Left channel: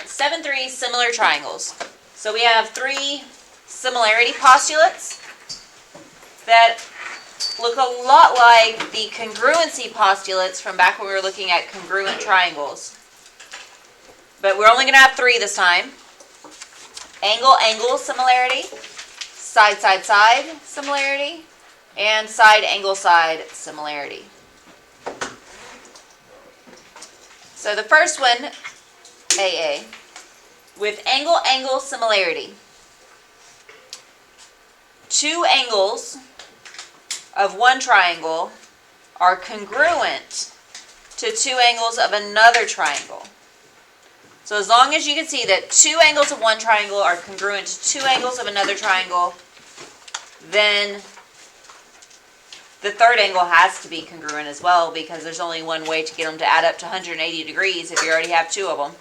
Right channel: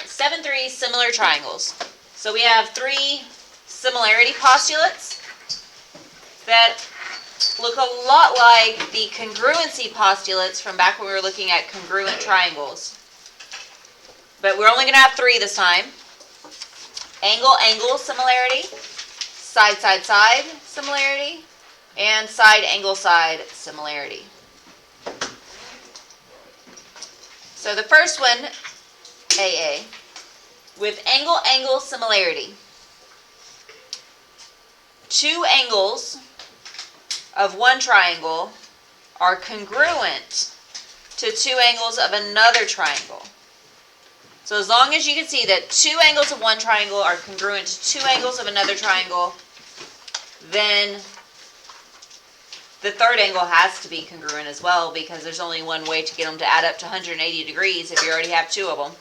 right, 7.3, similar triangles. So we have three similarity postulates that look a lot like the congruency postulates from back when we were looking at congruent triangles. But we're only going to have three this time. Angle-angle similarity, side-side-side similarity, and side-angle-side similarity. So the first one, AA, with angle-angle similarity. Two angles of one triangle are congruent to two angles of another triangle. So as long as you can see that two angles of one triangle are congruent to two angles of another triangle, then the third angle has to be congruent as well, because there's only one way to get them to add up to 180 degrees if you already have two of them.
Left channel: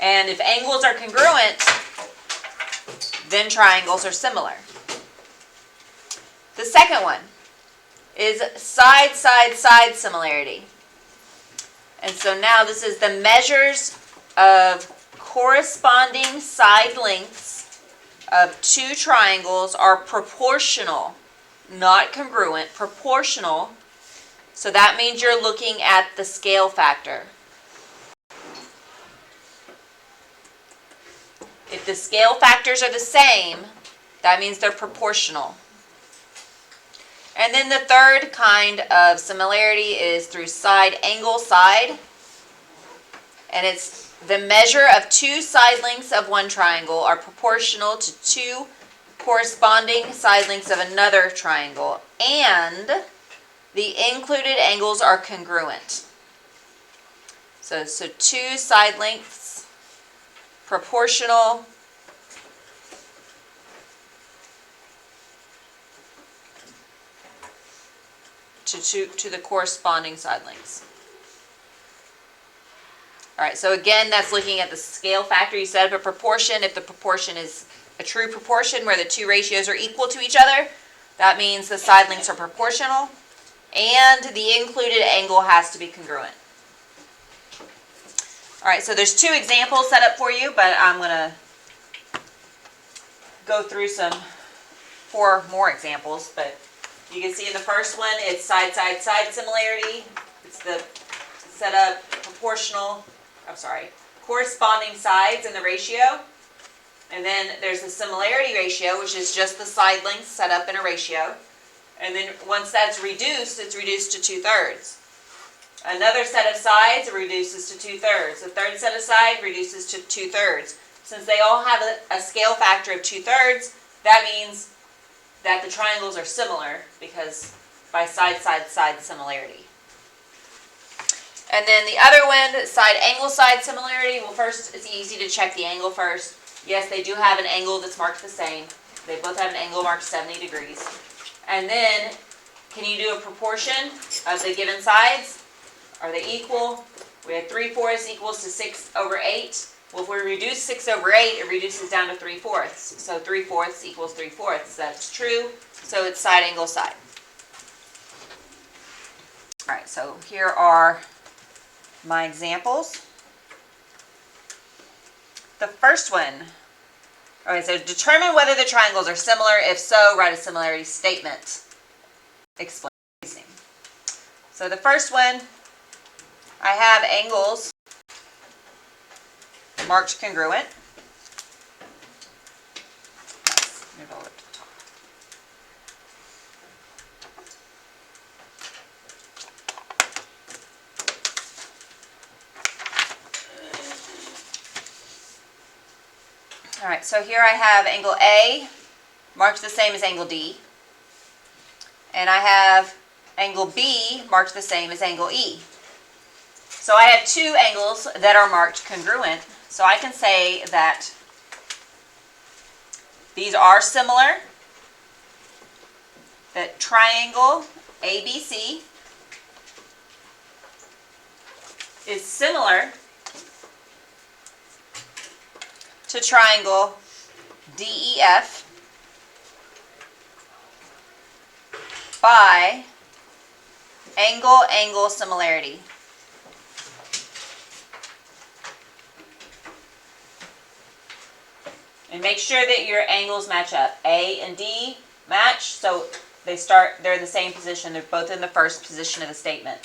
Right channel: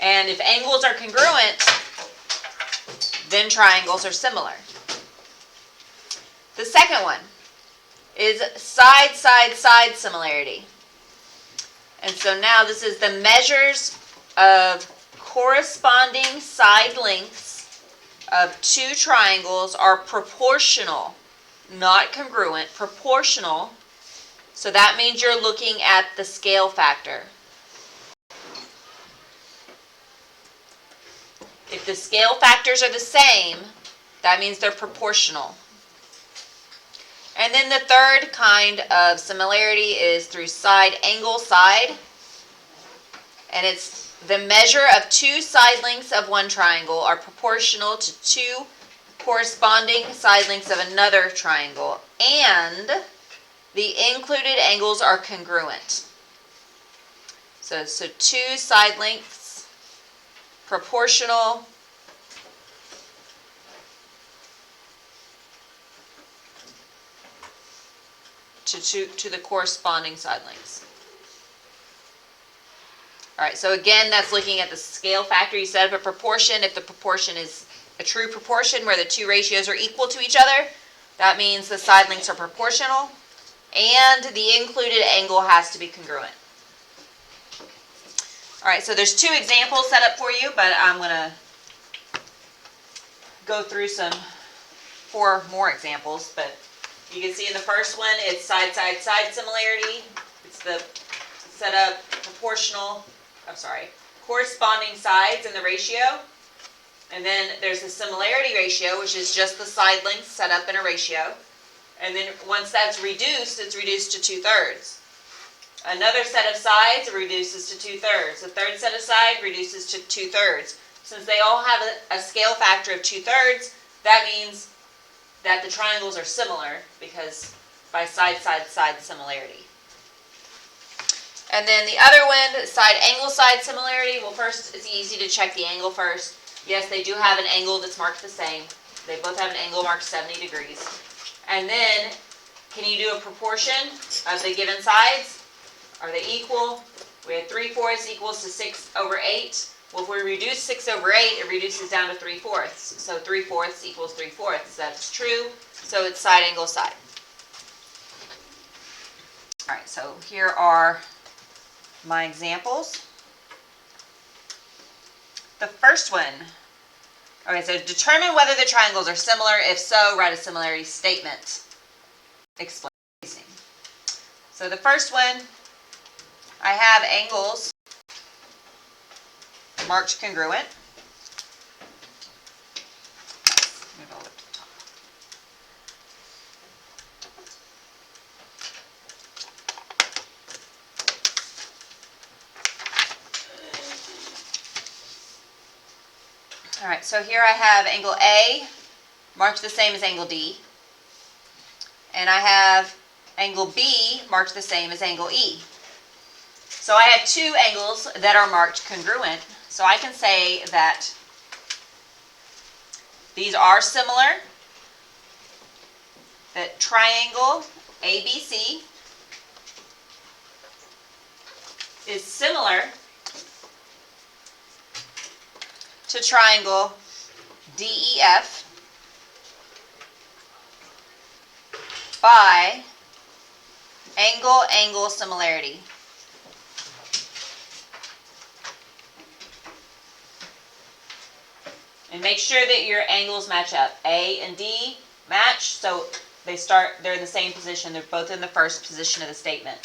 And if angles are congruent, then triangles are similar. The second one is side-side-side similarity. And so now this is the measures of corresponding side lengths of two triangles are proportional, not congruent, proportional. So that means you're looking at the scale factor. If the scale factors are the same, that means they're proportional. And then the third kind of similarity is through side-angle-side. And it's the measure of two side lengths of one triangle are proportional to two corresponding side lengths of another triangle, and the included angles are congruent. So two side lengths, proportional to the corresponding side lengths. All right, so again, that's looking at the scale factor. You set up a proportion. If the proportion is a true proportion where the two ratios are equal to each other, that means the side lengths are proportional, and the included angle has to be congruent. All right, so there's two examples set up for you, but I'm going to go through four more examples. But you can see in the first one, it's side-side-side similarity. It's the set up corresponding sides in the ratio. And then there's the similarity ratio, which is just the side lengths set up in a ratio. And then once that's reduced, it's reduced to 2/3. Another set of sides reduces to 2/3. The third set of sides reduces to 2/3. Since they all have a scale factor of 2/3, that means that the triangles are similar, because by side-side-side similarity. And then the other one, side-angle-side similarity. Well, first, it's easy to check the angle first. Yes, they do have an angle that's marked the same. They both have an angle marked 70 degrees. And then, can you do a proportion of the given sides? Are they equal? We have 3/4 equals to 6/8. Well, if we reduce 6/8, it reduces down to 3/4. So 3/4 equals 3/4. That's true. So it's side angle side. All right, so here are my examples. The first one, okay, so determine whether the triangles are similar. If so, write a similarity statement. Explain. So the first one, I have angles marked congruent. Move over to the top. All right, so here I have angle A marked the same as angle D. And I have angle B marked the same as angle E. So I have two angles that are marked congruent. So I can say that these are similar, that triangle ABC is similar to triangle DEF by angle-angle similarity. And make sure that your angles match up. A and D match, so they're in the same position. They're both in the first position of the statement.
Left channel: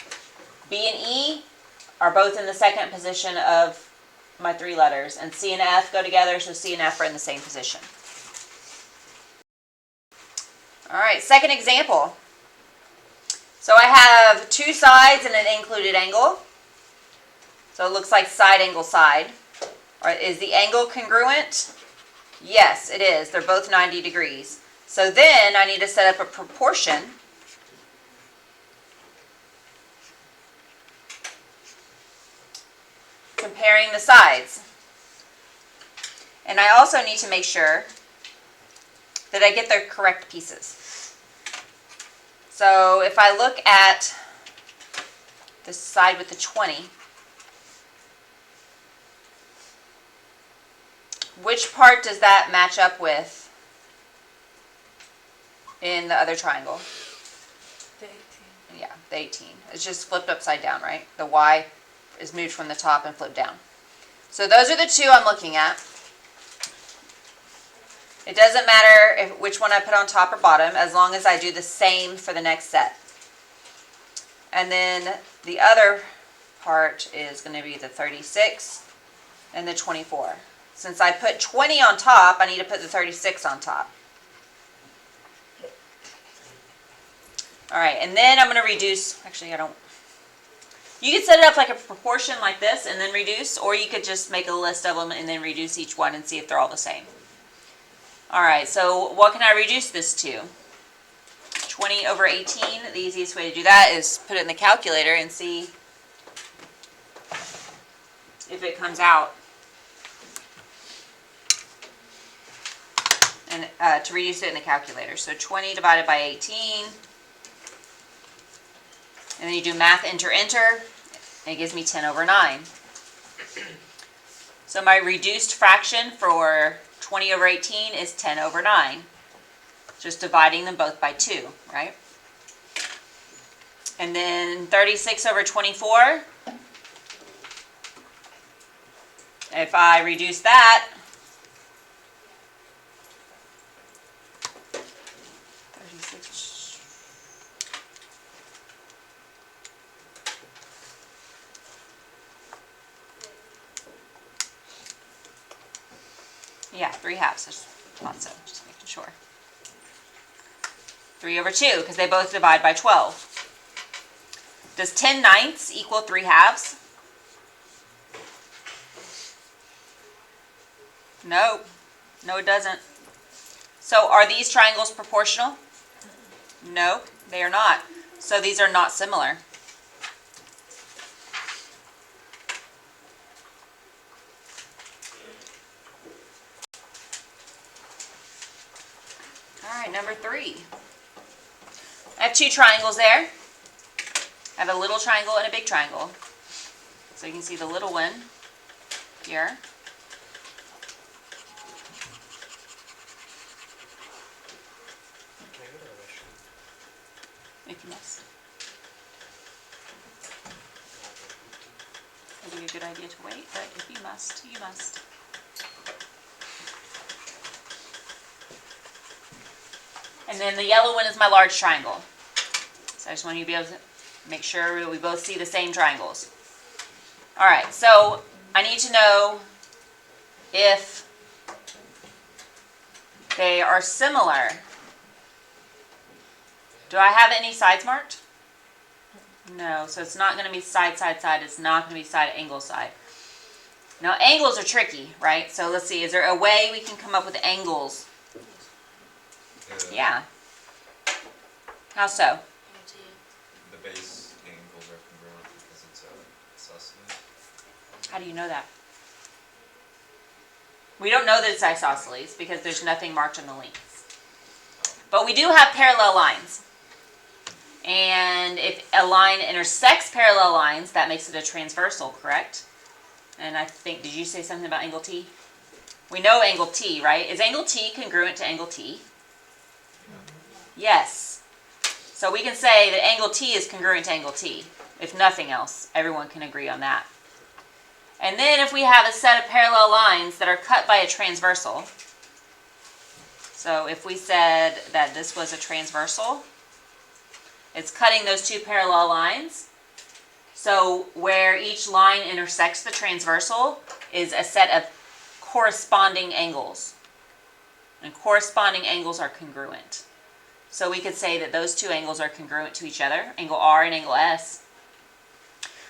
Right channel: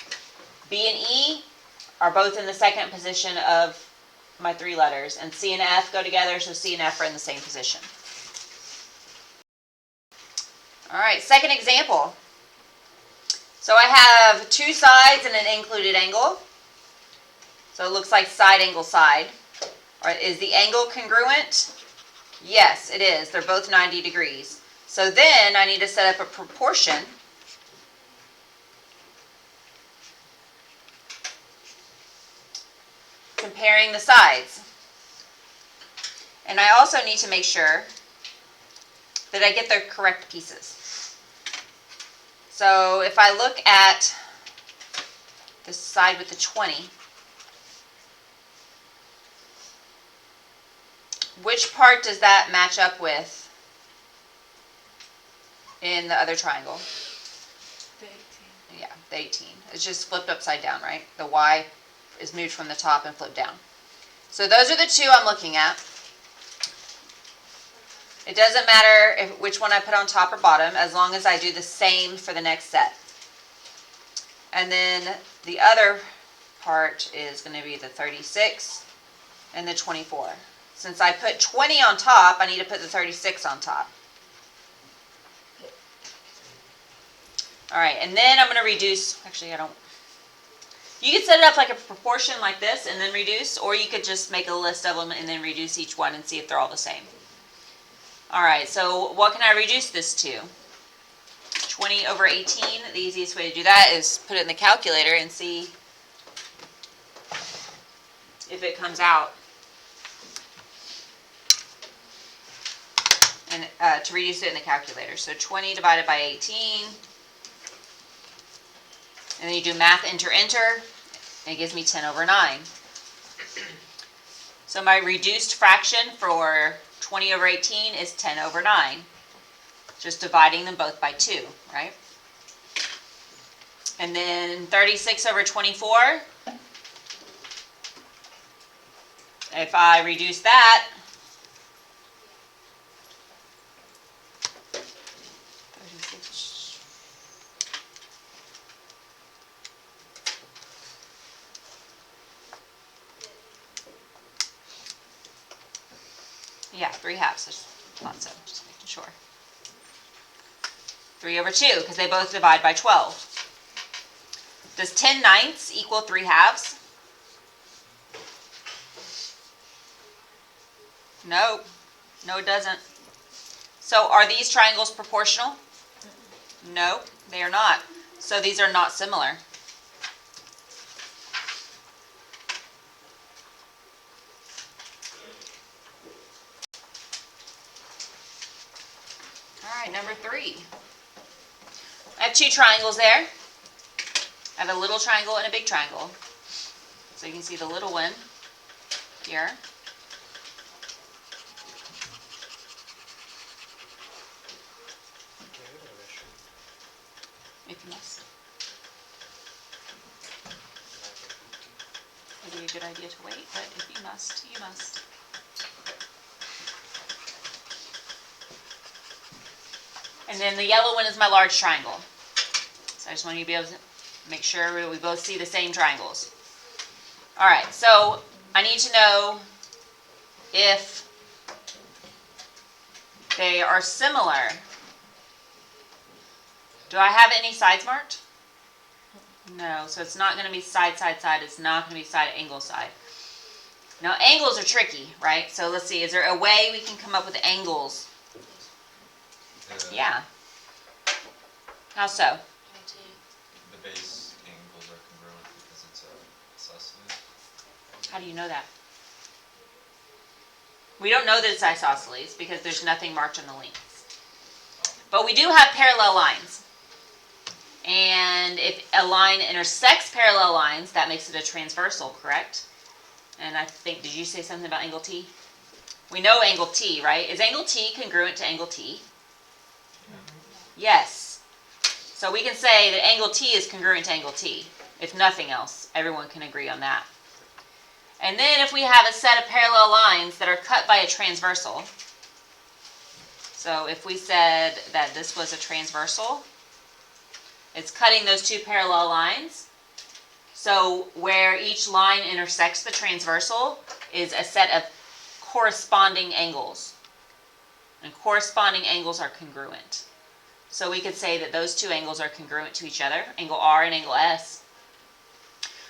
B and E are both in the second position of my three letters. And C and F go together, so C and F are in the same position. All right, second example. So I have two sides and an included angle. So it looks like side angle side. All right, is the angle congruent? Yes, it is. They're both 90 degrees. So then I need to set up a proportion. Comparing the sides. And I also need to make sure that I get the correct pieces. So if I look at the side with the 20, which part does that match up with in the other triangle? The 18. Yeah, the 18. It's just flipped upside down, right? The Y is moved from the top and flipped down. So those are the two I'm looking at. It doesn't matter which one I put on top or bottom, as long as I do the same for the next set. And then the other part is going to be the 36 and the 24. Since I put 20 on top, I need to put the 36 on top. All right, and then I'm going to reduce. Actually, I don't. You could set it up like a proportion like this and then reduce, or you could just make a list of them and then reduce each one and see if they're all the same. All right, so what can I reduce this to? 20 over 18. The easiest way to do that is put it in the calculator and see if it comes out. And to reduce it in the calculator. So 20 divided by 18. And then you do math, enter, enter. And it gives me 10 over 9. So my reduced fraction for 20 over 18 is 10 over 9. Just dividing them both by 2, right? And then 36 over 24. If I reduce that, 36. Yeah, 3 halves. I just thought so, just making sure. 3 over 2, because they both divide by 12. Does 10 ninths equal 3 halves? No. No, it doesn't. So are these triangles proportional? No, they are not. So these are not similar. All right, number 3. I have 2 triangles there. I have a little triangle and a big triangle. So you can see the little one here. If you must. It would be a good idea to wait, but if you must, you must. And then the yellow one is my large triangle. So I just want you to be able to make sure we both see the same triangles. All right, so I need to know if they are similar. Do I have any sides marked? No, so it's not going to be side, side, side. It's not going to be side, angle, side. Now, angles are tricky, right? So let's see. Is there a way we can come up with angles? Yeah. How so? The base angles are congruent because it's a isosceles. How do you know that? We don't know that it's isosceles because there's nothing marked on the lengths. But we do have parallel lines. And if a line intersects parallel lines, that makes it a transversal, correct? And I think, did you say something about angle T? We know angle T, right? Is angle T congruent to angle T? Yes. So we can say that angle T is congruent to angle T. If nothing else, everyone can agree on that. And then if we have a set of parallel lines that are cut by a transversal, So if we said that this was a transversal, it's cutting those two parallel lines. So where each line intersects the transversal is a set of corresponding angles. And corresponding angles are congruent. So we could say that those two angles are congruent to each other, angle R and angle S.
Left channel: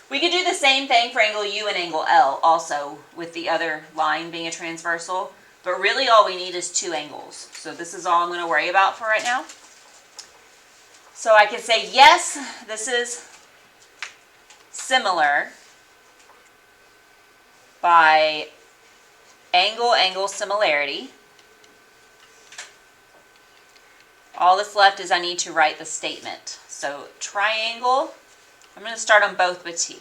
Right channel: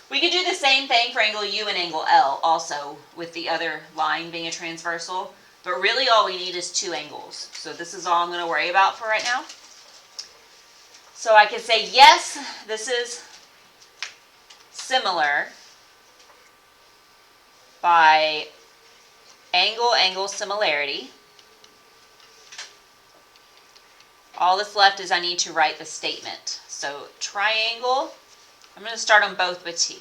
We could do the same thing for angle U and angle L also, with the other line being a transversal. But really all we need is two angles. So this is all I'm going to worry about for right now. So I could say, yes, this is similar by angle-angle similarity. All that's left is I need to write the statement. So triangle, I'm going to start on both with T.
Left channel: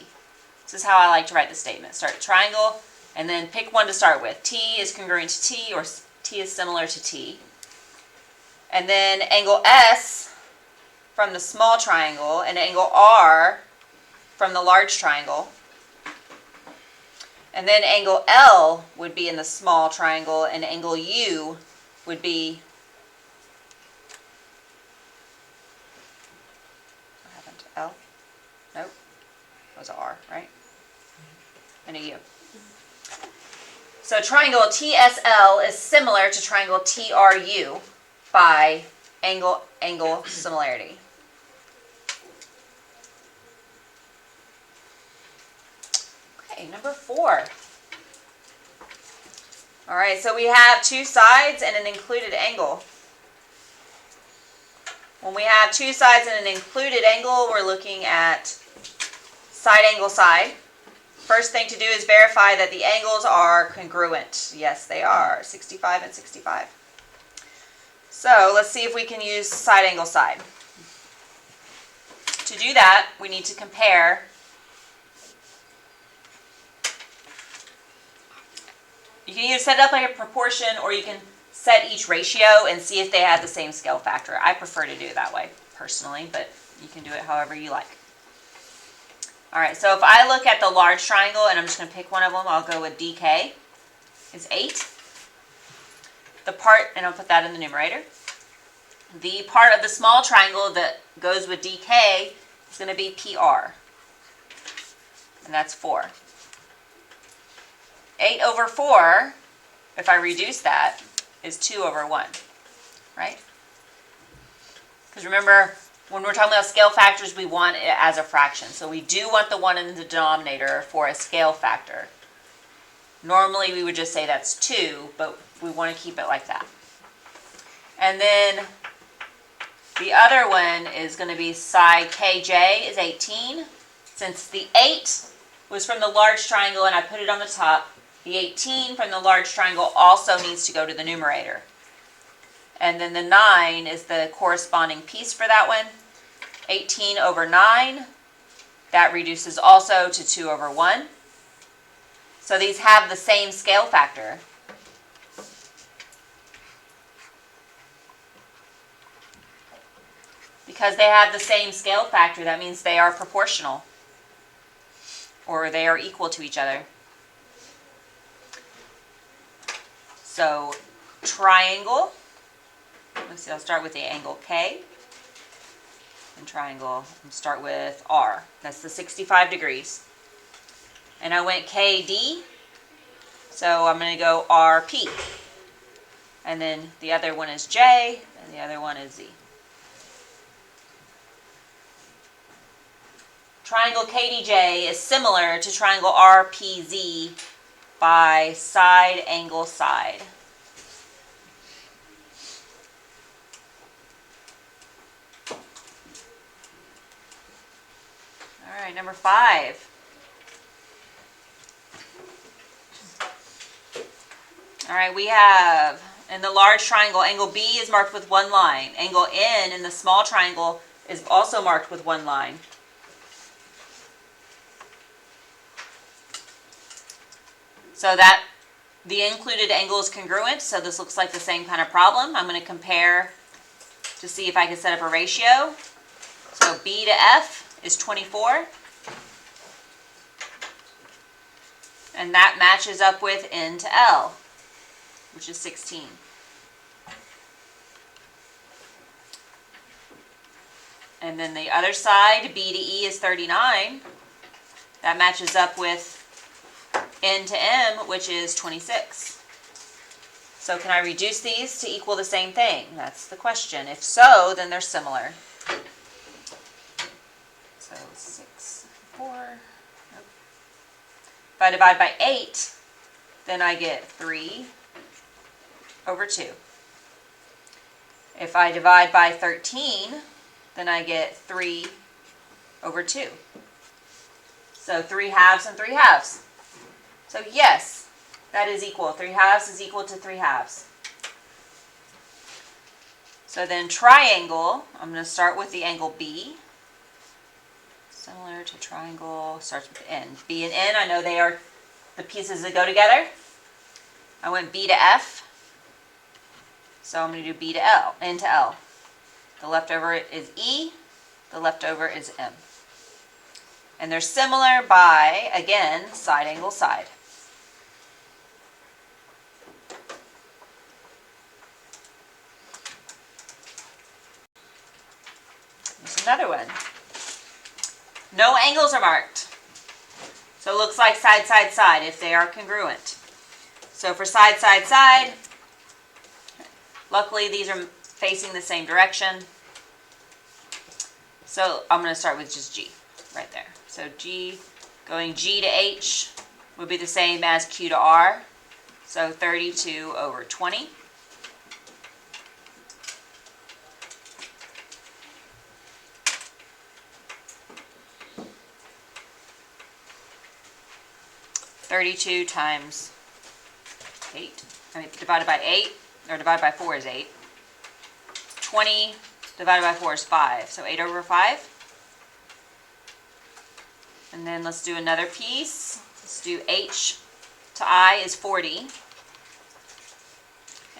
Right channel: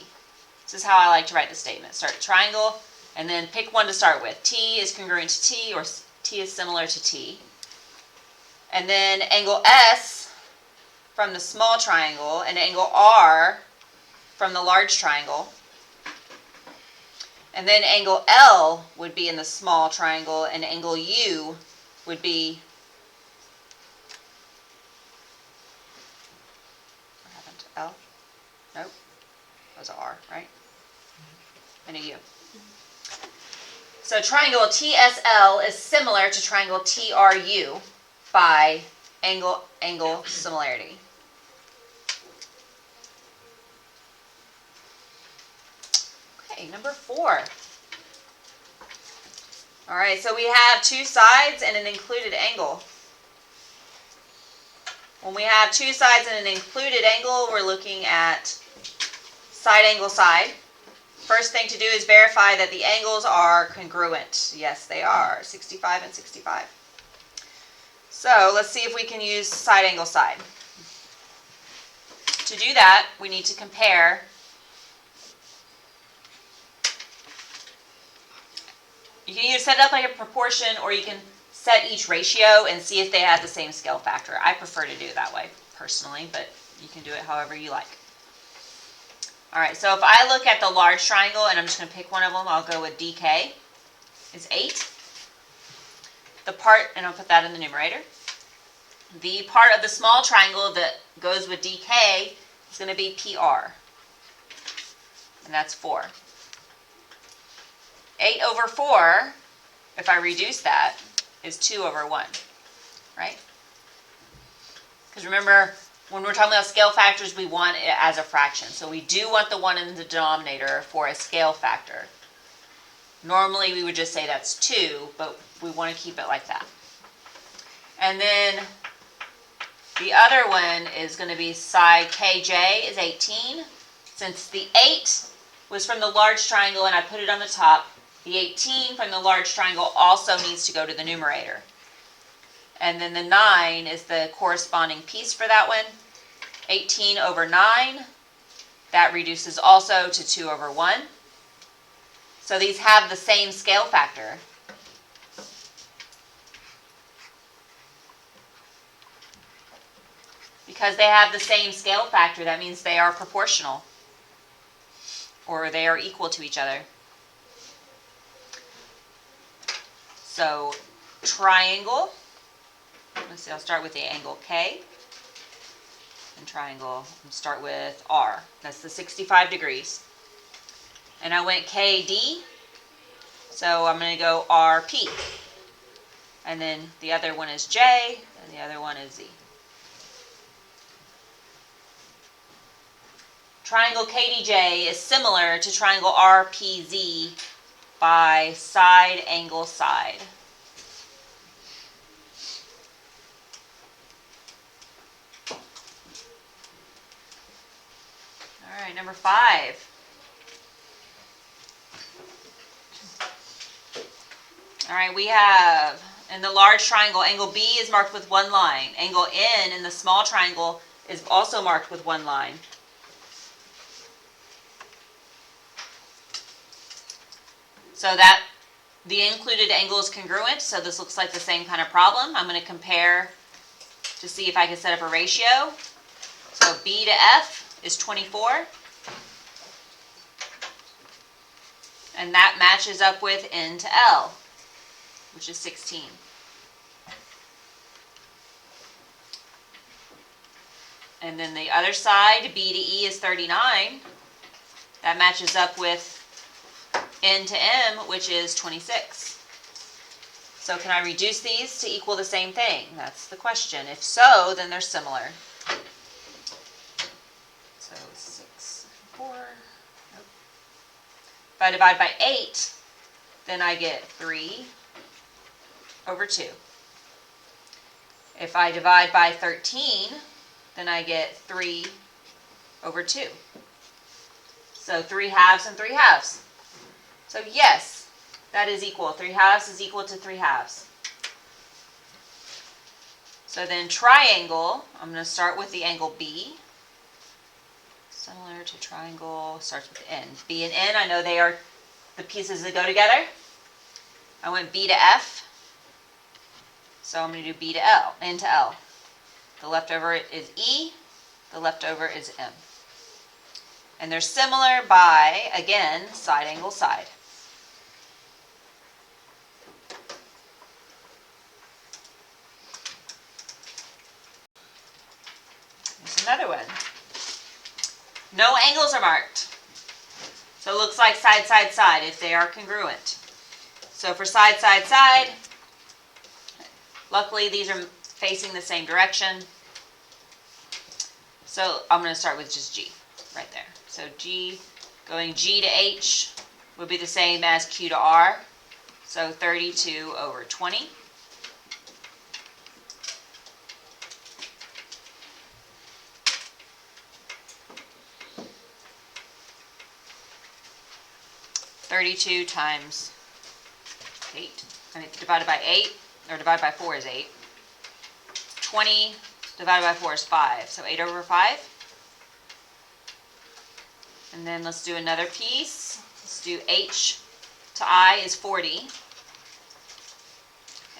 This is how I like to write the statement. Start triangle, and then pick one to start with. T is congruent to T, or T is similar to T. And then angle S from the small triangle, and angle R from the large triangle. And then angle L would be in the small triangle, and angle U would be, what happened to L? Nope, that was an R, right? And a U. So triangle TSL is similar to triangle TRU by angle-angle similarity. Okay, number 4. All right, so we have two sides and an included angle. When we have two sides and an included angle, we're looking at side angle side. First thing to do is verify that the angles are congruent. Yes, they are, 65 and 65. So let's see if we can use side angle side. To do that, we need to compare you can either set it up like a proportion, or you can set each ratio and see if they have the same scale factor. I prefer to do it that way, personally, but you can do it however you like. All right, so if I look at the large triangle, and I'm just going to pick one of them, I'll go with DK, is 8. The part, and I'll put that in the numerator. The part of the small triangle that goes with DK is going to be PR, and that's 4. 8 over 4, if I reduce that, is 2 over 1, right? Because remember, when we're talking about scale factors, we want it as a fraction. So we do want the 1 in the denominator for a scale factor. Normally, we would just say that's 2, but we want to keep it like that. And then the other one is going to be side KJ is 18. Since the 8 was from the large triangle and I put it on the top, the 18 from the large triangle also needs to go to the numerator. And then the 9 is the corresponding piece for that one. 18 over 9, that reduces also to 2 over 1. So these have the same scale factor. Because they have the same scale factor, that means they are proportional, or they are equal to each other. So triangle, let's see, I'll start with the angle K, and triangle, and start with R. That's the 65 degrees. And I went KD, so I'm going to go RP. And then the other one is J, and the other one is Z. Triangle KDJ is similar to triangle RPZ by side angle side. All right, number 5. All right, we have in the large triangle, angle B is marked with 1 line. Angle N in the small triangle is also marked with 1 line. So that the included angle is congruent, so this looks like the same kind of problem. I'm going to compare to see if I can set up a ratio. So B to F is 24. And that matches up with N to L, which is 16. And then the other side, B to E is 39. That matches up with N to M, which is 26. So can I reduce these to equal the same thing? That's the question. If so, then they're similar. So 6, 4. Nope. If I divide by 8, then I get 3 over 2. If I divide by 13, then I get 3 over 2. So 3 halves and 3 halves. So yes, that is equal. 3 halves is equal to 3 halves. So then triangle, I'm going to start with the angle B. Similar to triangle, starts with N. B and N, I know they are the pieces that go together. I went B to F. So I'm going to do B to L, N to L. The leftover is E, the leftover is M. And they're similar by, again, side angle side. Here's another one. No angles are marked. So it looks like side, side, side if they are congruent. So for side, side, side, luckily these are facing the same direction. So I'm going to start with just G right there. So G, going G to H would be the same as Q to R. So 32 over 20. (32 times 8). I mean, divided by 8, or divided by 4 is 8. 20 divided by 4 is 5. So 8 over 5. And then let's do another piece. Let's do H to I is 40.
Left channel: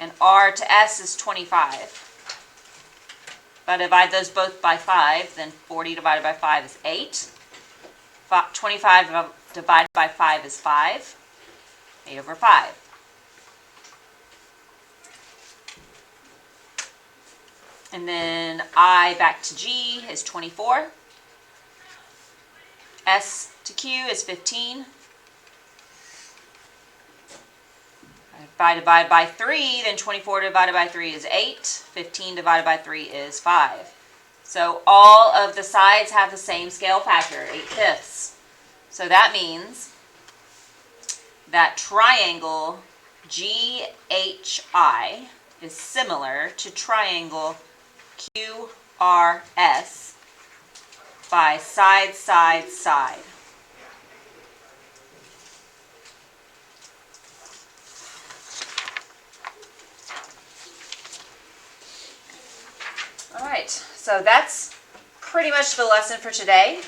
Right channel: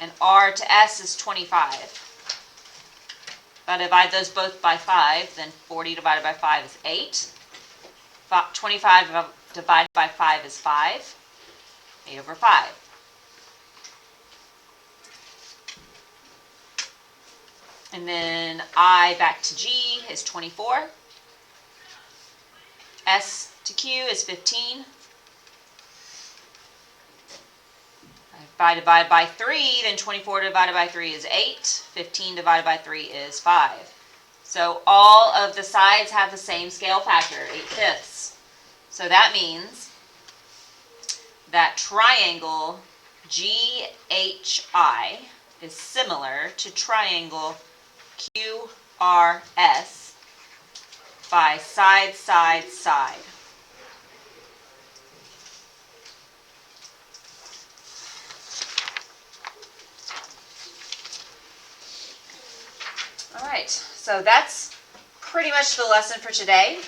And R to S is 25. If I divide those both by 5, then 40 divided by 5 is 8. 25 divided by 5 is 5. 8 over 5. And then I back to G is 24. S to Q is 15. If I divide by 3, then 24 divided by 3 is 8. 15 divided by 3 is 5. So all of the sides have the same scale factor, 8/5. So that means that triangle GHI is similar to triangle QRS by side, side, side. All right, so that's pretty much the lesson for today.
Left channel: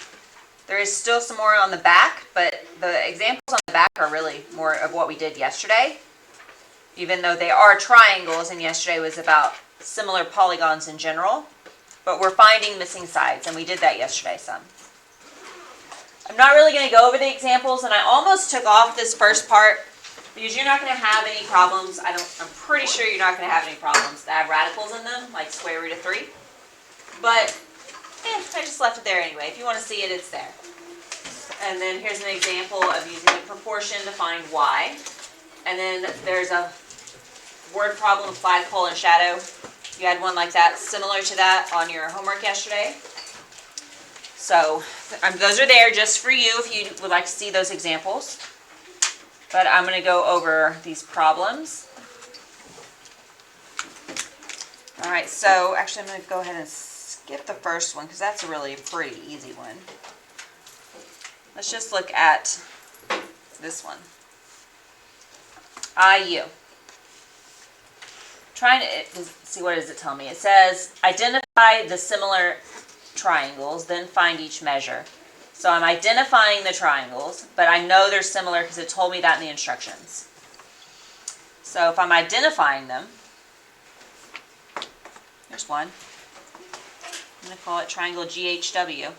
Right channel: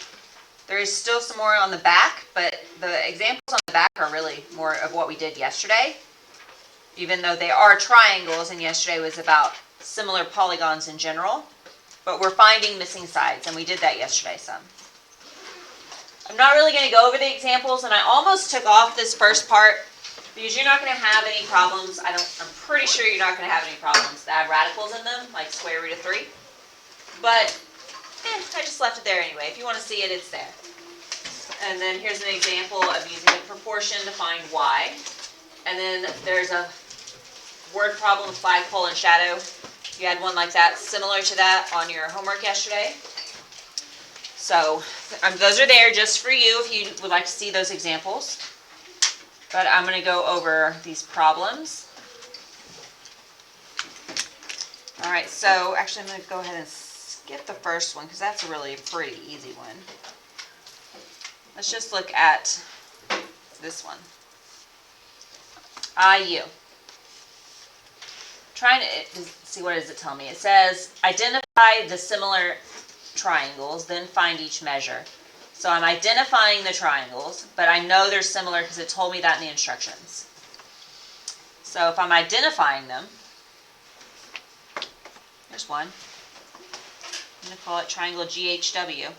There is still some more on the back, but the examples on the back are really more of what we did yesterday, even though they are triangles, and yesterday was about similar polygons in general. But we're finding missing sides, and we did that yesterday some. I'm not really going to go over the examples, and I almost took off this first part because you're not going to have any problems. I'm pretty sure you're not going to have any problems that have radicals in them, like square root of 3. But I just left it there anyway. If you want to see it, it's there. And then here's an example of using the proportion to find y. And then there's a word problem of flagpole and shadow. You had one like that, similar to that, on your homework yesterday. So those are there just for you if you would like to see those examples. But I'm going to go over these problems. All right, so actually I'm going to go ahead and skip the first one because that's a really pretty easy one. Let's just look at this one. IU. Trying to see, what does it tell me? It says identify the similar triangles, then find each measure. So I'm identifying the triangles, but I know they're similar because it told me that in the instructions. So if I'm identifying them, here's one. I'm going to call it triangle GHW.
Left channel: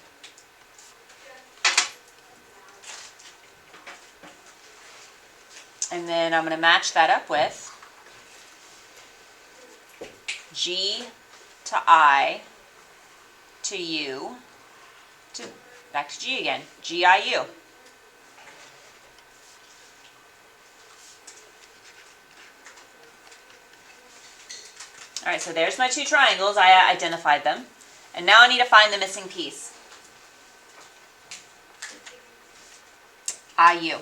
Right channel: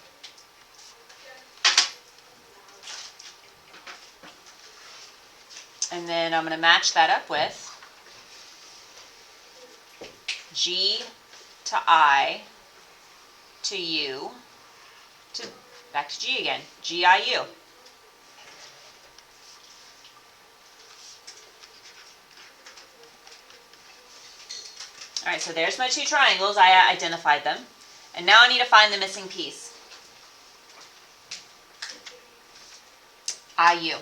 And then I'm going to match that up with G to I to to U, back to G again, GIU. All right, so there's my two triangles. I identified them. And now I need to find the missing piece. IU.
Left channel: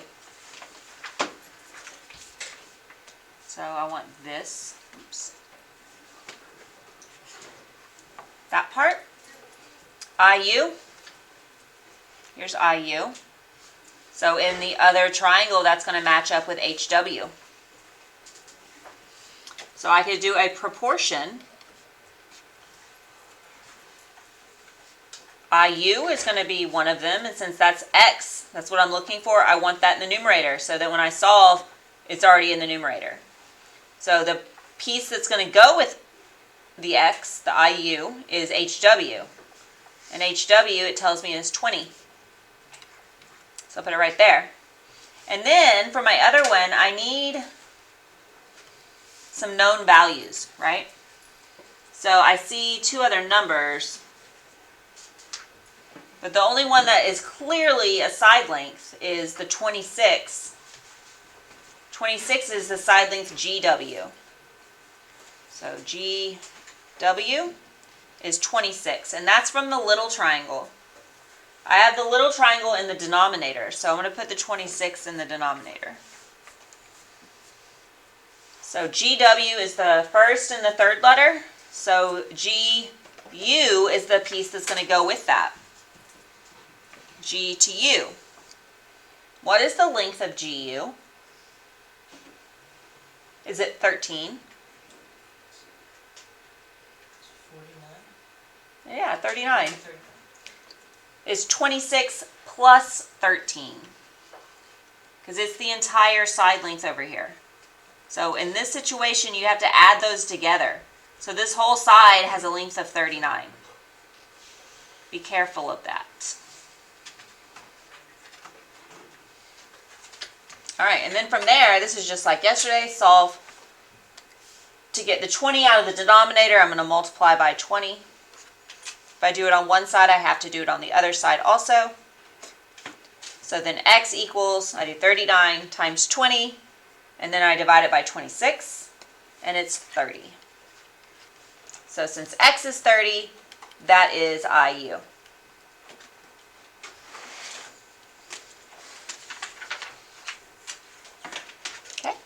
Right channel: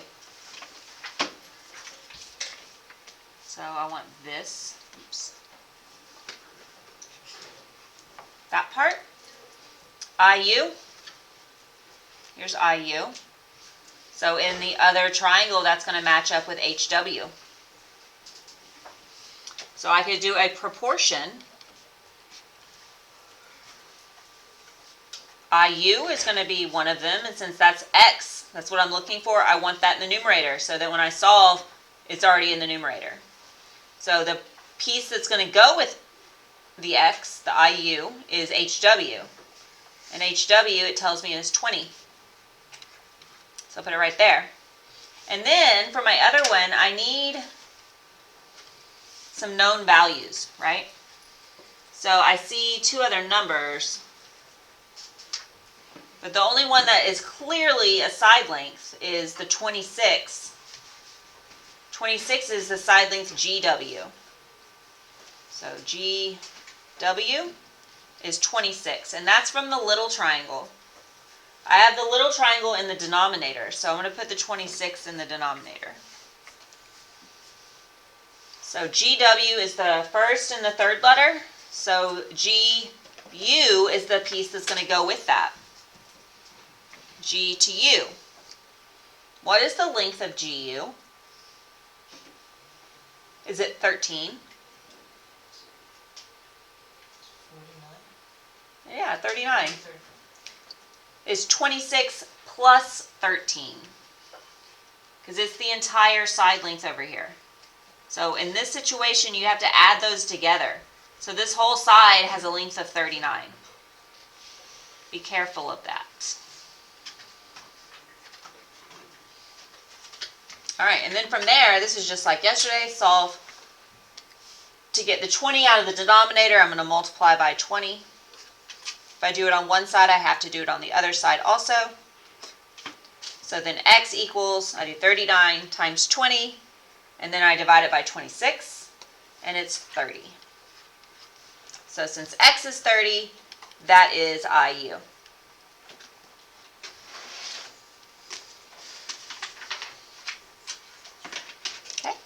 So I want this. Oops. That part. IU. Here's IU. So in the other triangle, that's going to match up with HW. So I could do a proportion. IU is going to be one of them, and since that's X, that's what I'm looking for, I want that in the numerator, so that when I solve, it's already in the numerator. So the piece that's going to go with the X, the IU, is HW. And HW, it tells me, is 20. So I'll put it right there. And then, for my other one, I need some known values, right? So I see two other numbers, but the only one that is clearly a side length is the 26. 26 is the side length GW. So GW is 26, and that's from the little triangle. I have the little triangle in the denominator, so I'm going to put the 26 in the denominator. So GW is the first and the third letter. So GU is the piece that's going to go with that. G to U. What is the length of GU? Is it 13? 49? Yeah, 39. It's 26 plus 13. Because it's the entire side length over here. So in this situation, you have to add those together. So this whole side has a length of 39. Be careful of that. All right, and then from there, this is just like yesterday, solve. To get the 20 out of the denominator, I'm going to multiply by 20. If I do it on one side, I have to do it on the other side also. So then X equals, I do 39 times 20. And then I divide it by 26, and it's 30. So since X is 30, that is IU. Okay.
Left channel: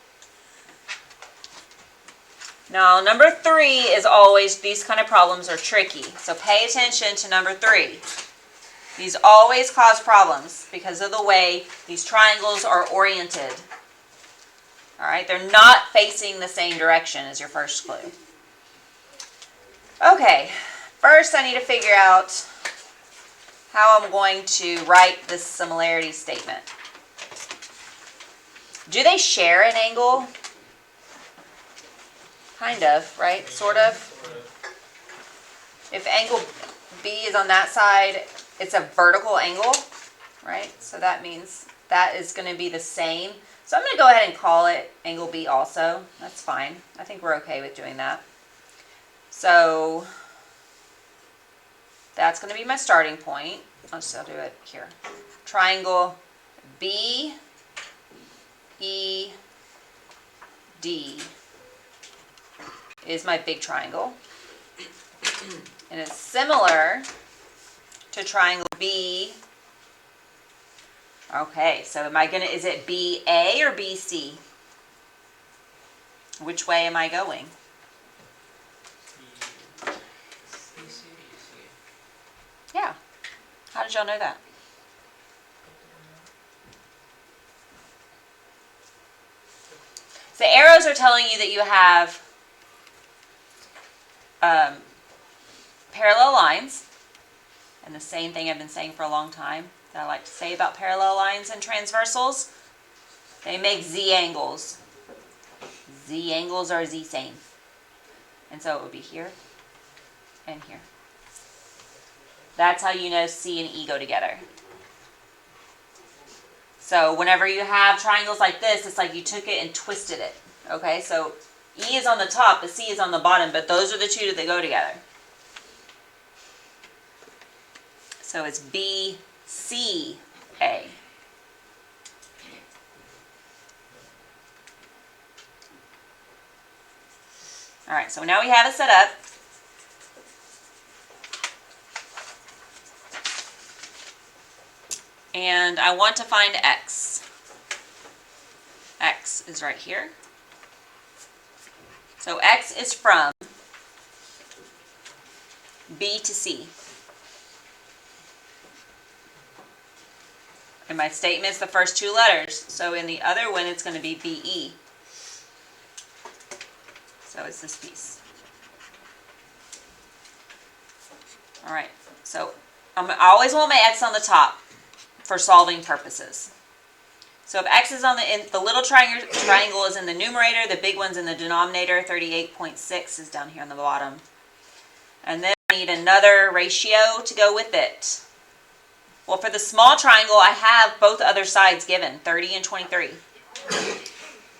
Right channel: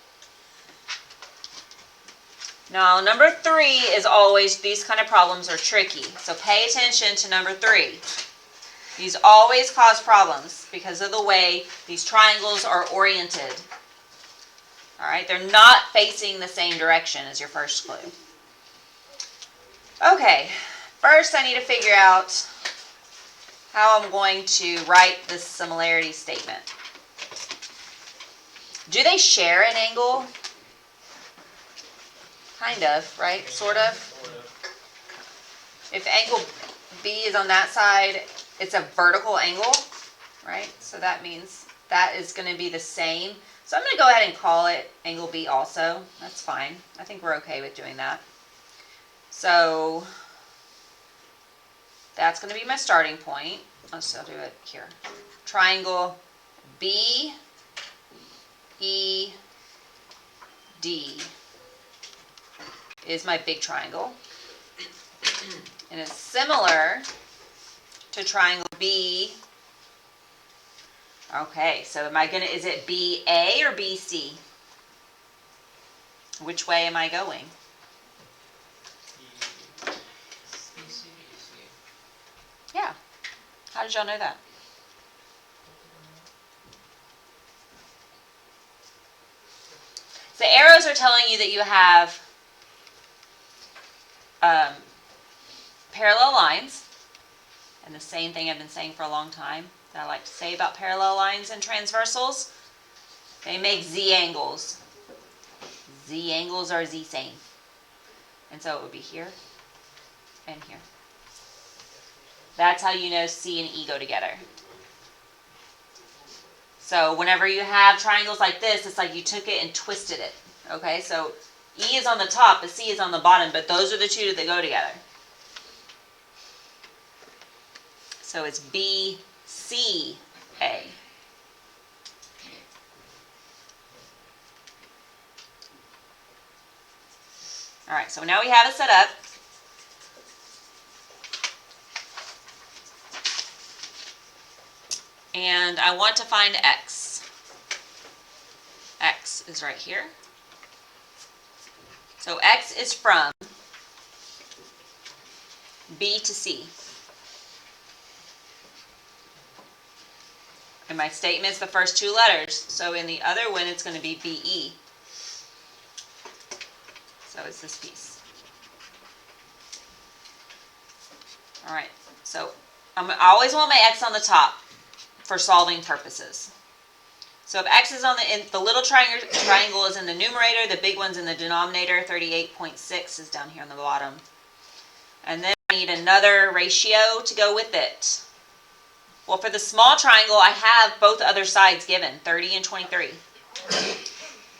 Now, number 3 is always, these kind of problems are tricky. So pay attention to number 3. These always cause problems because of the way these triangles are oriented. All right, they're not facing the same direction as your first clue. Okay, first I need to figure out how I'm going to write this similarity statement. Do they share an angle? Kind of, right? Sort of. If angle B is on that side, it's a vertical angle, right? So that means that is going to be the same. So I'm going to go ahead and call it angle B also. That's fine. I think we're okay with doing that. So that's going to be my starting point. I'll do it here. Triangle B, E, D is my big triangle. And it's similar to triangle B. Okay, so is it BA or BC? Which way am I going? Yeah. How did y'all know that? So the arrows are telling you that you have parallel lines. And the same thing I've been saying for a long time that I like to say about parallel lines and transversals. They make Z angles. Z angles are Z same. And so it would be here and here. That's how you know C and E go together. So whenever you have triangles like this, it's like you took it and twisted it. Okay, so E is on the top, but C is on the bottom, but those are the two that go together. So it's BCA. All right, so now we have it set up. And I want to find X. X is right here. So X is from B to C. And my statement is the first two letters. So in the other one, it's going to be BE. So it's this piece. All right, so I always want my X on the top for solving purposes. So if X is on the little triangle is in the numerator, the big one's in the denominator, 38.6 is down here on the bottom. And then I need another ratio to go with it. Well, for the small triangle, I have both other sides given, 30 and 23.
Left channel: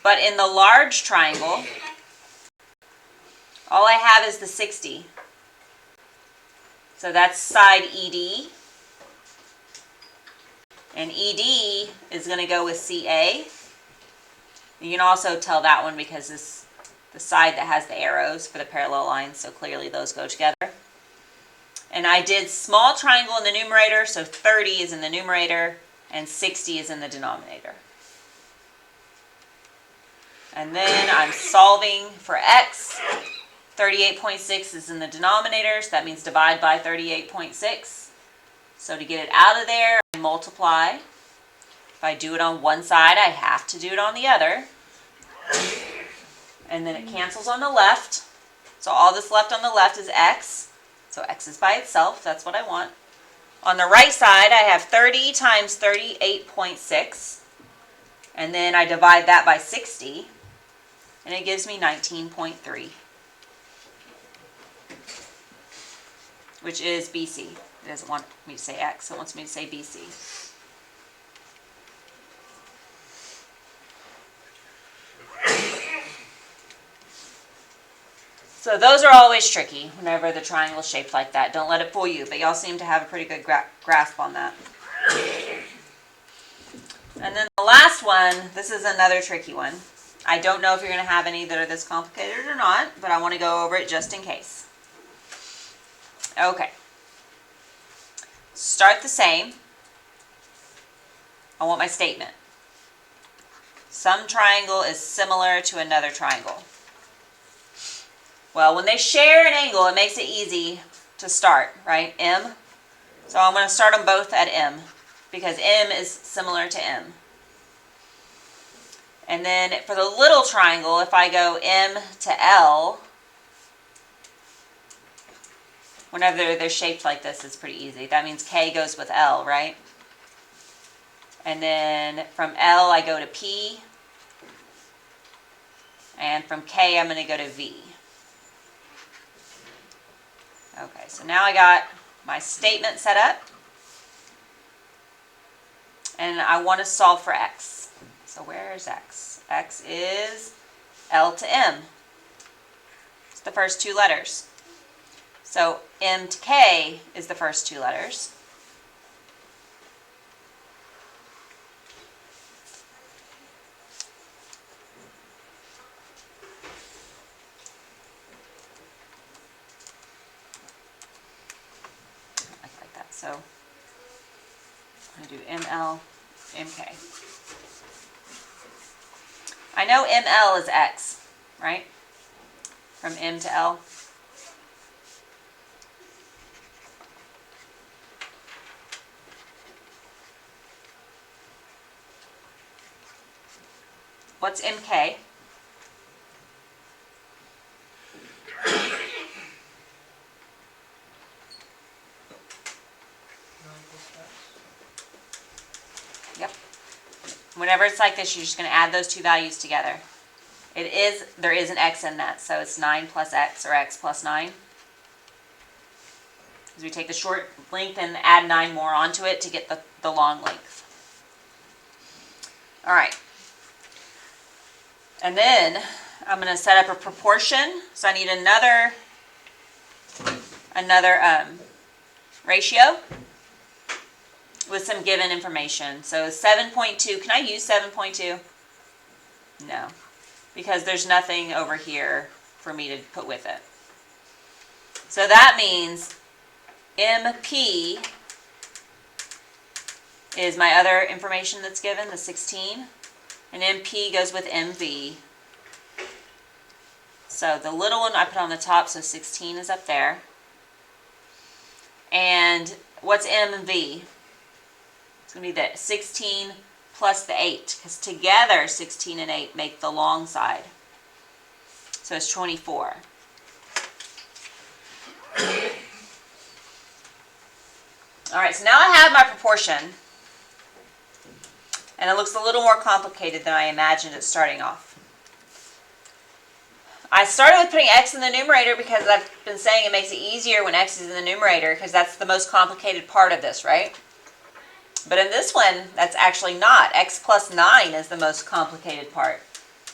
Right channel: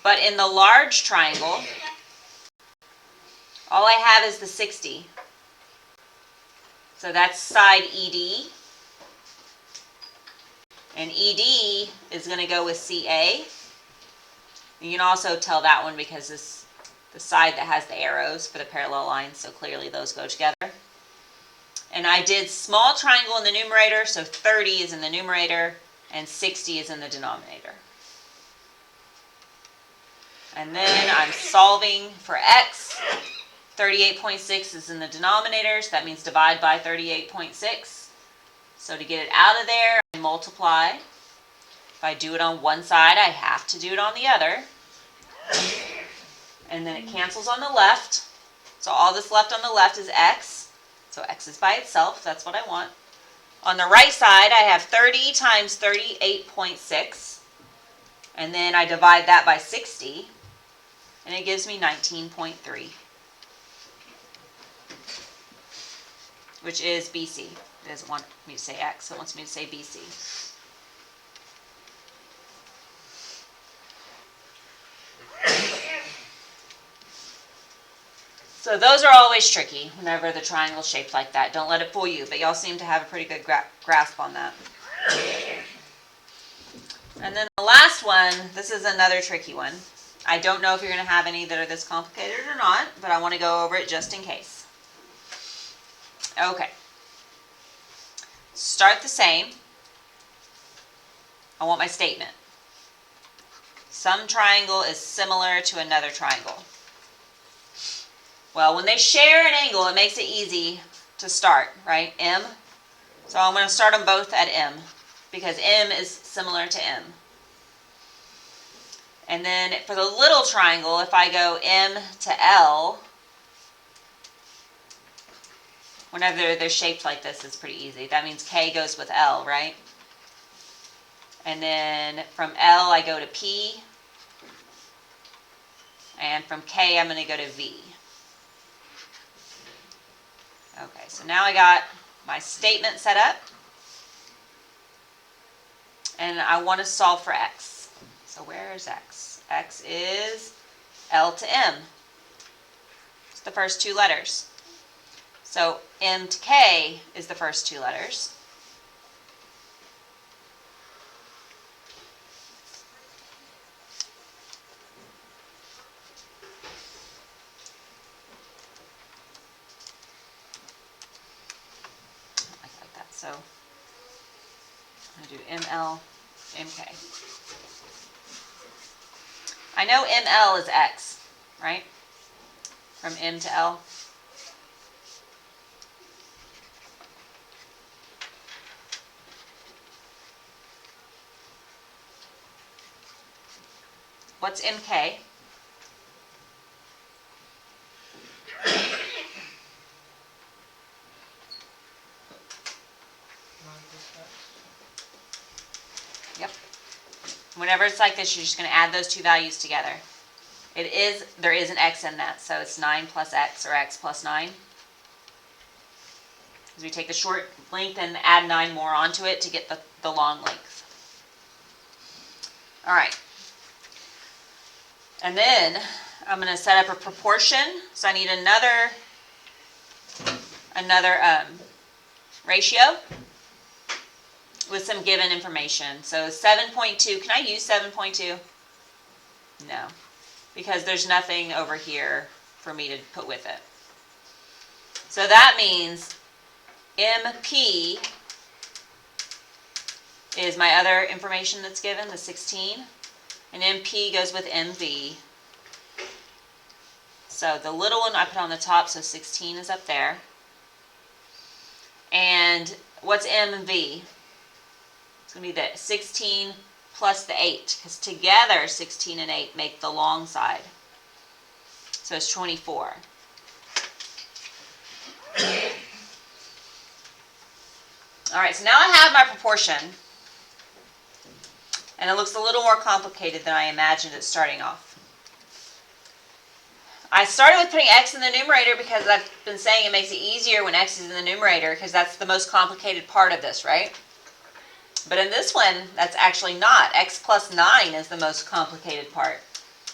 But in the large triangle, all I have is the 60. So that's side ED. And ED is going to go with CA. You can also tell that one because this the side that has the arrows for the parallel lines, so clearly those go together. And I did small triangle in the numerator, so 30 is in the numerator and 60 is in the denominator. And then I'm solving for X. 38.6 is in the denominator, so that means divide by 38.6. So to get it out of there, I multiply. If I do it on one side, I have to do it on the other. And then it cancels on the left. So all that's left on the left is X. So X is by itself, that's what I want. On the right side, I have 30 times 38.6. And then I divide that by 60. And it gives me 19.3. Which is BC. It doesn't want me to say X, so it wants me to say BC. So those are always tricky whenever the triangle is shaped like that. Don't let it fool you, but y'all seem to have a pretty good grasp on that. And then the last one, this is another tricky one. I don't know if you're going to have any that are this complicated or not, but I want to go over it just in case. Okay. Start the same. I want my statement. Some triangle is similar to another triangle. Well, when they share an angle, it makes it easy to start, right? M. So I'm going to start them both at M because M is similar to M. And then for the little triangle, if I go M to L, whenever they're shaped like this, it's pretty easy. That means K goes with L, right? And then from L, I go to P. And from K, I'm going to go to V. Okay, so now I got my statement set up. And I want to solve for X. So where is X? X is L to M. It's the first two letters. So M to K is the first two letters. Like that. So I'm going to do ML, MK. I know ML is X, right? From M to L. What's MK? Yep. Whenever it's like this, you're just going to add those two values together. There is an X in that, so it's 9 plus X or X plus 9. Because we take the short length and add 9 more onto it to get the long length. All right. And then I'm going to set up a proportion. So I need another ratio. with some given information. So 7.2, can I use 7.2? No, because there's nothing over here for me to put with it. So that means MP is my other information that's given, the 16, and MP goes with MV. So the little one I put on the top, so 16 is up there. And what's MV? It's going to be the 16 plus the 8, because together 16 and 8 make the long side. So it's 24. All right, so now I have my proportion, and it looks a little more complicated than I imagined it starting off. I started with putting x in the numerator because I've been saying it makes it easier when x is in the numerator, because that's the most complicated part of this, right? But in this one, that's actually not. X plus 9 is the most complicated part.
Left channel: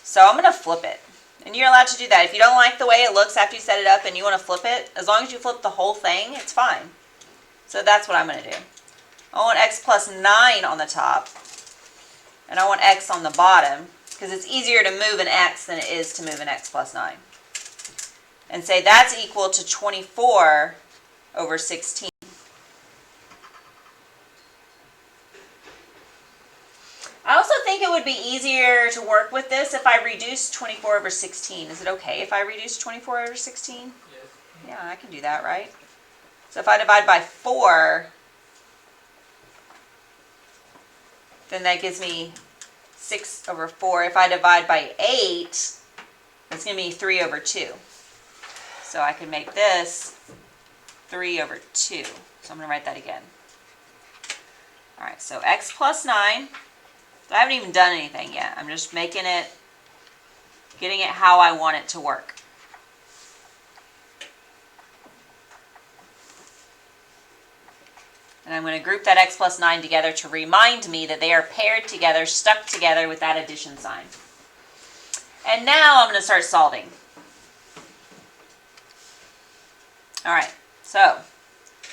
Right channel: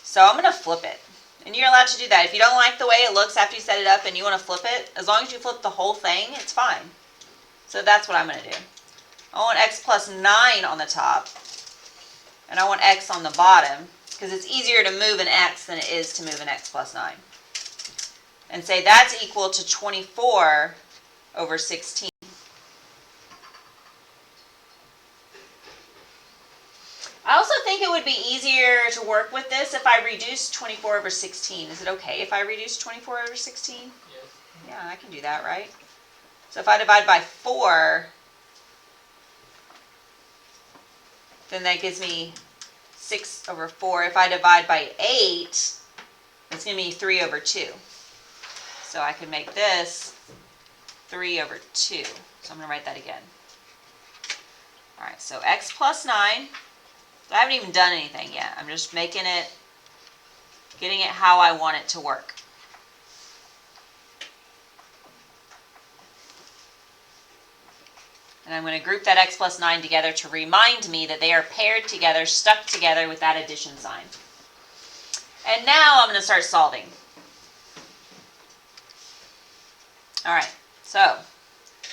So I'm going to flip it. And you're allowed to do that. If you don't like the way it looks after you set it up and you want to flip it, as long as you flip the whole thing, it's fine. So that's what I'm going to do. I want x plus 9 on the top, and I want x on the bottom, because it's easier to move an x than it is to move an x plus 9. And say that's equal to 24 over 16. I also think it would be easier to work with this if I reduce 24 over 16. Is it okay if I reduce 24 over 16? Yes. Yeah, I can do that, right? So if I divide by 4, then that gives me 6 over 4. If I divide by 8, that's going to be 3 over 2. So I can make this 3 over 2. So I'm going to write that again. All right, so x plus 9. I haven't even done anything yet. I'm just making it, getting it how I want it to work. And I'm going to group that x plus 9 together to remind me that they are paired together, stuck together with that addition sign. And now I'm going to start solving. All right, so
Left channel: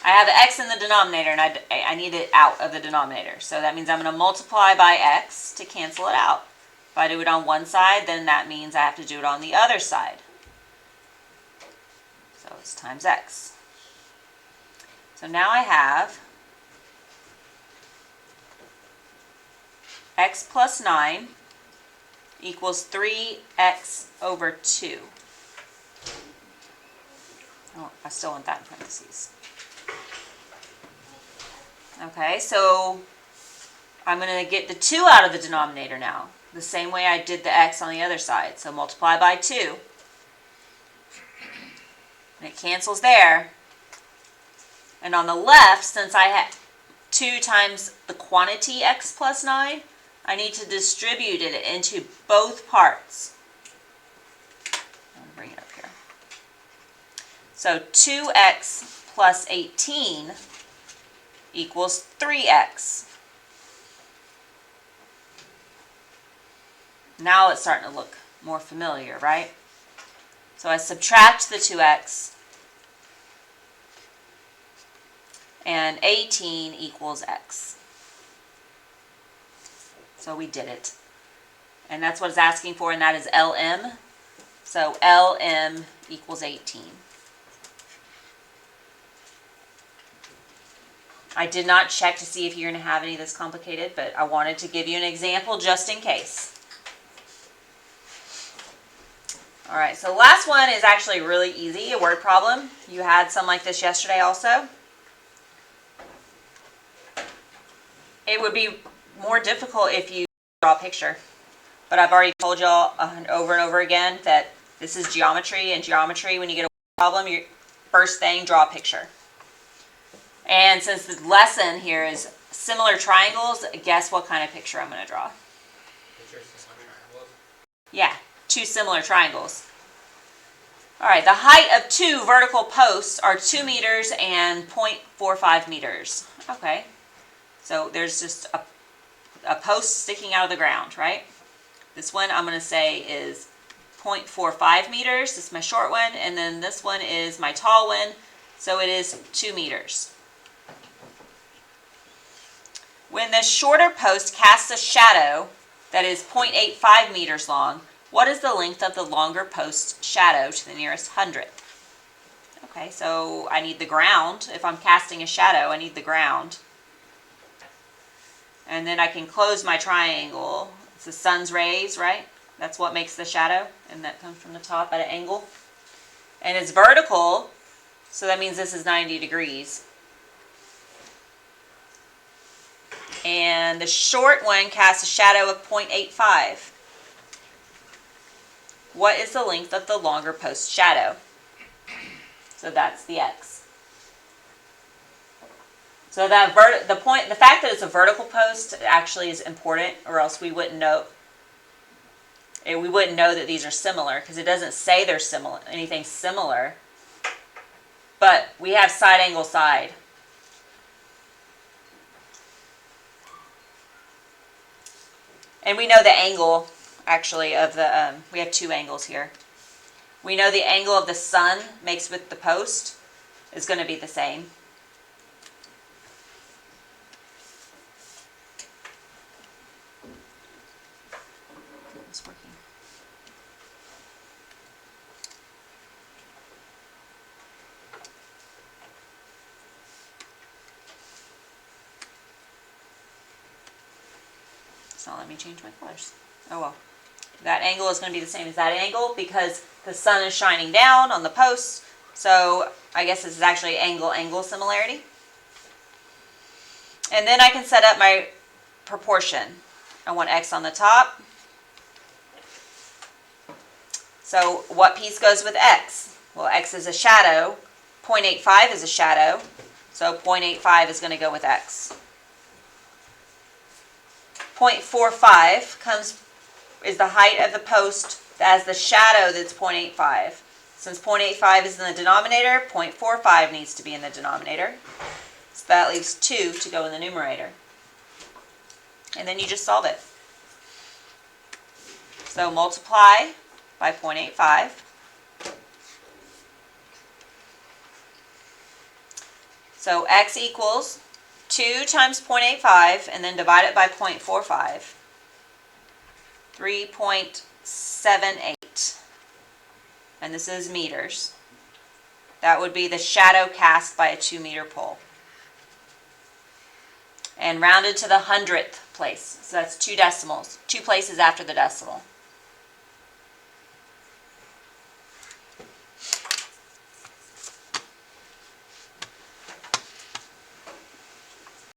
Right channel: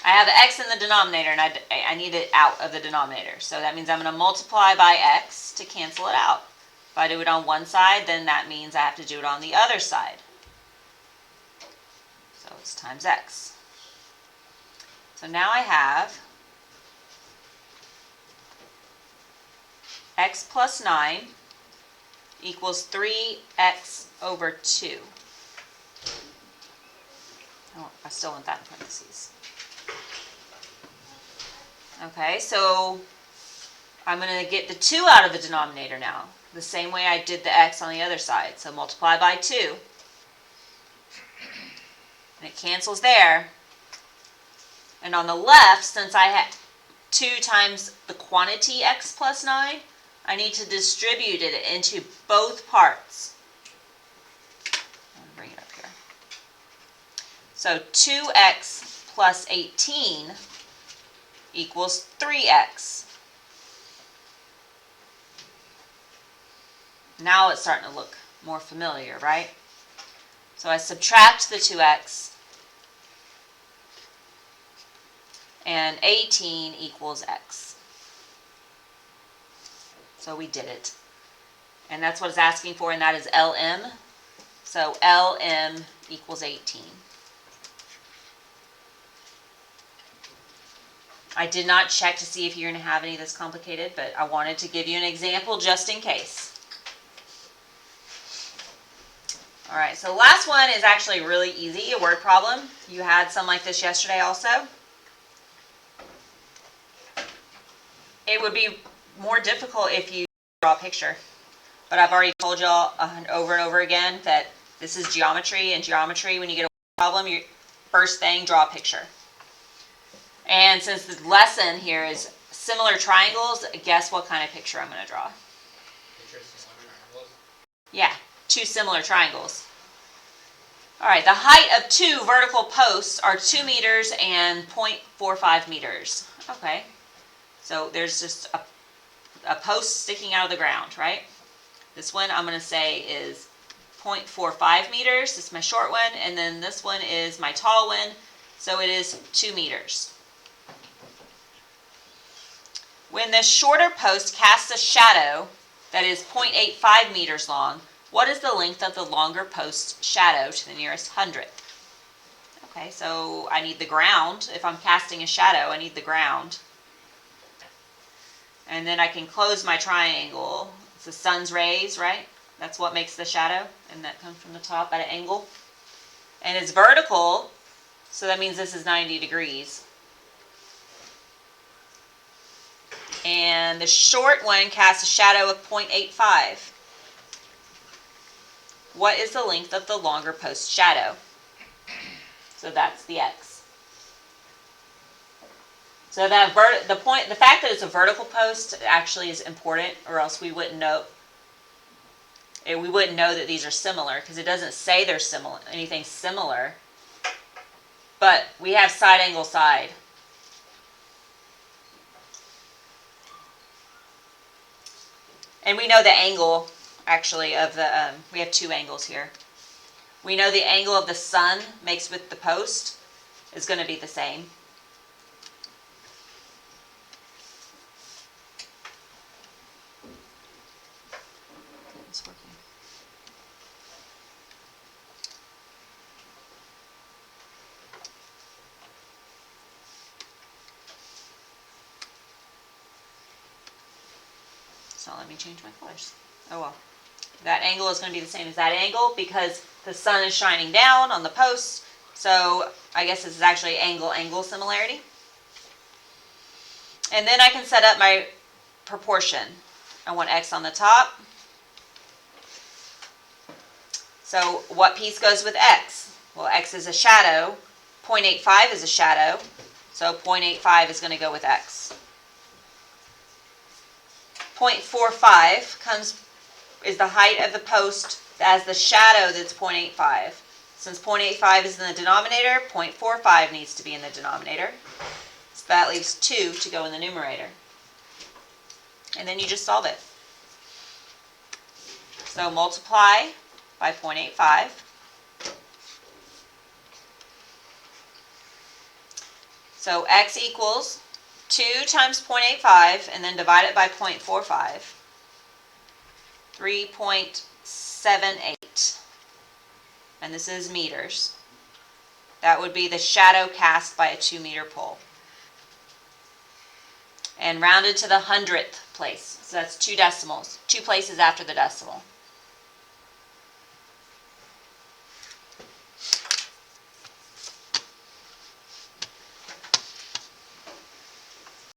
I have x in the denominator, and I need it out of the denominator. So that means I'm going to multiply by x to cancel it out. If I do it on one side, then that means I have to do it on the other side. So it's times x. So now I have x plus 9 equals 3x over 2. Oh, I still want that in parentheses. Okay, so I'm going to get the 2 out of the denominator now, the same way I did the x on the other side. So multiply by 2, and it cancels there. And on the left, since I had 2 times the quantity x plus 9, I need to distribute it into both parts. I'm going to bring it up here. So 2x plus 18 equals 3x. Now it's starting to look more familiar, right? So I subtract the 2x, and 18 equals x. So we did it. And that's what it's asking for, and that is LM. So LM equals 18. I did not check to see if you're going to have any of this complicated, but I wanted to give you an example just in case. All right, so the last one is actually really easy, a word problem. You had some like this yesterday also. It would be more difficult if you draw a picture, but I've already told y'all over and over again that this is geometry, and geometry, when you get a problem, your first thing, draw a picture. And since the lesson here is similar triangles, guess what kind of picture I'm going to draw? Picture similar triangles. Yeah, 2 similar triangles. All right, the height of 2 vertical posts are 2 meters and 0.45 meters. Okay, so there's just a post sticking out of the ground, right? This one I'm going to say is 0.45 meters. This is my short one, and then this one is my tall one, so it is 2 meters. When the shorter post casts a shadow that is 0.85 meters long, what is the length of the longer post's shadow to the nearest hundredth? Okay, so I need the ground. If I'm casting a shadow, I need the ground. And then I can close my triangle. It's the sun's rays, right? That's what makes the shadow, and that comes from the top at an angle. And it's vertical, so that means this is 90 degrees. And the short one casts a shadow of 0.85. What is the length of the longer post shadow? So that's the x. So that the fact that it's a vertical post actually is important, or else we wouldn't know. We wouldn't know that these are similar because it doesn't say they're similar, anything similar. But we have side angle side. And we know the angle, actually, of the, we have two angles here. We know the angle of the sun makes with the post is going to be the same. It's working. It's not letting me change my colors. Oh well. That angle is going to be the same as that angle because the sun is shining down on the post. So I guess this is actually angle-angle similarity. And then I can set up my proportion. I want x on the top. So what piece goes with x? Well, x is a shadow. 0.85 is a shadow. So 0.85 is going to go with x. 0.45 is the height of the post as the shadow that's 0.85. Since 0.85 is in the denominator, 0.45 needs to be in the denominator. So that leaves 2 to go in the numerator. And then you just solve it. So multiply by 0.85. So x equals 2 times 0.85 and then divide it by 0.45. 3.78. And this is meters. That would be the shadow cast by a 2-meter pole. And rounded to the hundredth place. So that's 2 decimals. 2 places after the decimal.